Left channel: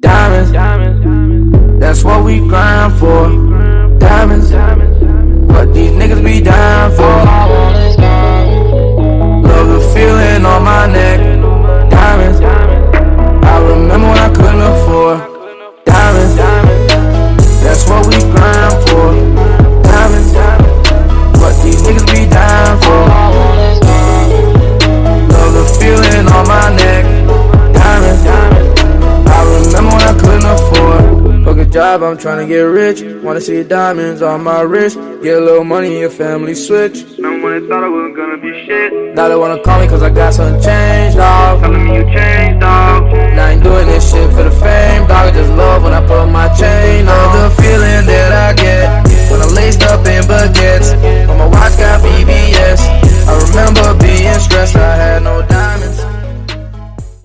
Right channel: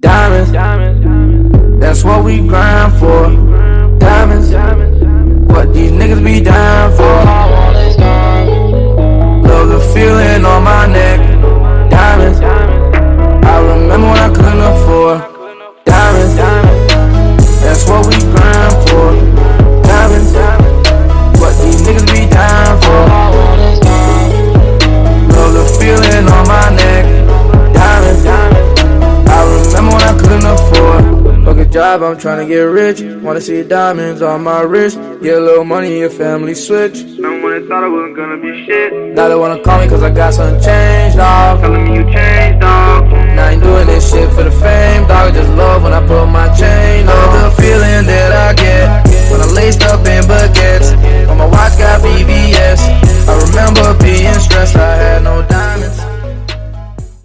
Diamonds, that's what we grind for. Diamonds, what these niggas be dying for. Love the feeling on my neck. Diamonds, I remember when I couldn't afford. Diamonds, that's what we grind for. Diamonds, what these niggas be dying for. Love the feeling on my neck. Diamonds, I remember when I couldn't afford. Fuck a job, I'm tryna get rich. Wanna see diamonds on my wrist. Get a little money, your family switch. Remember when they thought I wasn't gonna be shit? Now they wanna call me cause I got something changed, dawg. Telling me you changed, dawg. Now I ain't doing this shit for the fame, dawg. I just love when I put my chain on. Love the feeling that I get when I'm laced up in baguettes. When my watch got BBS. I remember being stressed, I had no diamonds.